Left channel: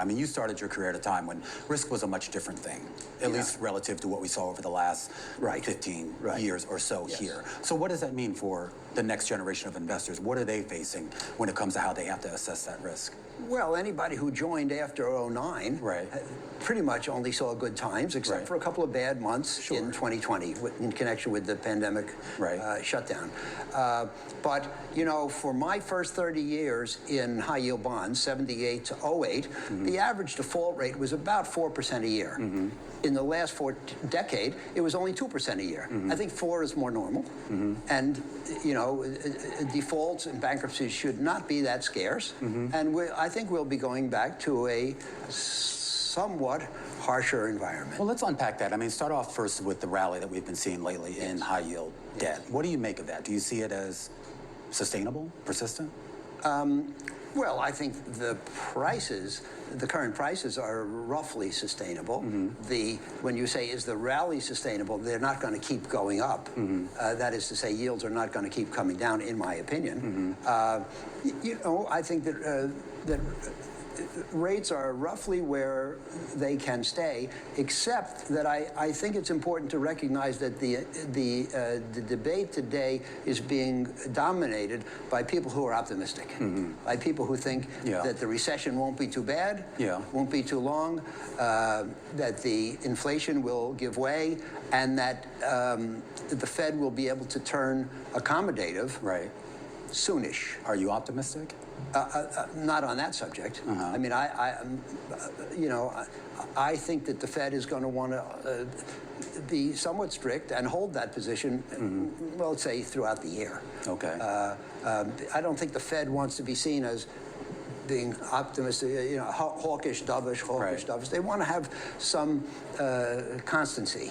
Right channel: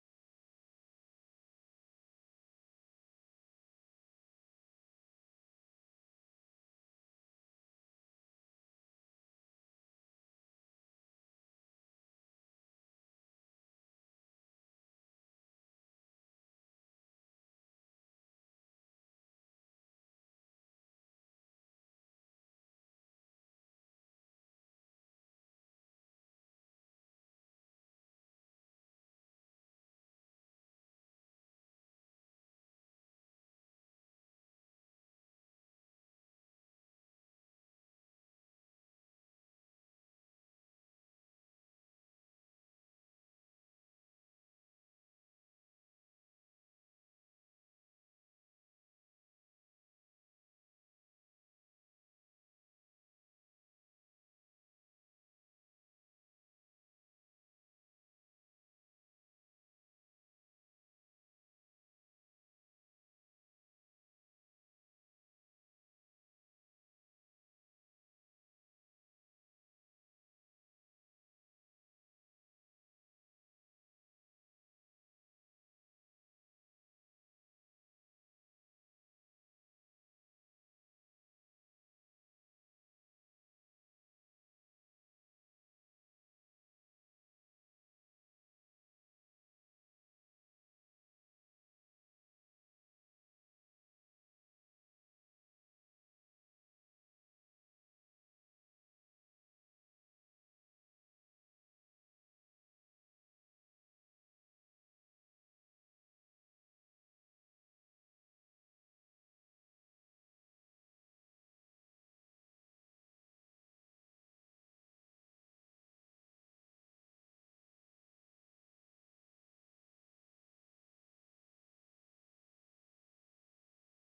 I mean, you started your career at a time when risk was a much different thing, at least relative to what we saw over the last 15 years or so here. So what does that mean for the next generation of investors? What are they facing when it comes to how they have to assess that risk? Well, anybody who joined after '09 pretty much only saw good times, except for a couple of bad months in 2020 in connection with the pandemic shutdown. But, you know, for my first 30 years in high-yield bonds, 78 to '08, the average default rate was about 4% a year. In the last decade, it was only 2% a year. I think 4 is more normal. And, you know, defaults and bankruptcies should not be that scarce. And I think we'll be going back to a somewhat harsher environment. Well, let's unpack that. I mean, start off first with the rally that we've been seeing lately in high-yield debt. What do you make of that? Do you see it as sustainable, persistent? Well, I think the current prices are roughly sustainable. When you say, is the rally sustainable, they're not going to keep going up. That is to say, yields are not going to keep coming down, in my opinion. You know, I think that rates are roughly where they can stay, except that I think it's important to recognize that the debate today is being dominated by people who are optimistic, by people who think that the recession won't be too bad, won't be too long, that the inflation will give way, and that the Fed will be able to turn accommodative soonish. Are you optimistic? Not on that subject. I mean, you know, I think that the Fed is going to want to be somewhat strict and hold that position, well, let's say throughout the year. Okay. I don't think the Fed wants to be seen as being optimistic, you know, hawkish, dovish, hawkish, dovish. They want to have some constancy.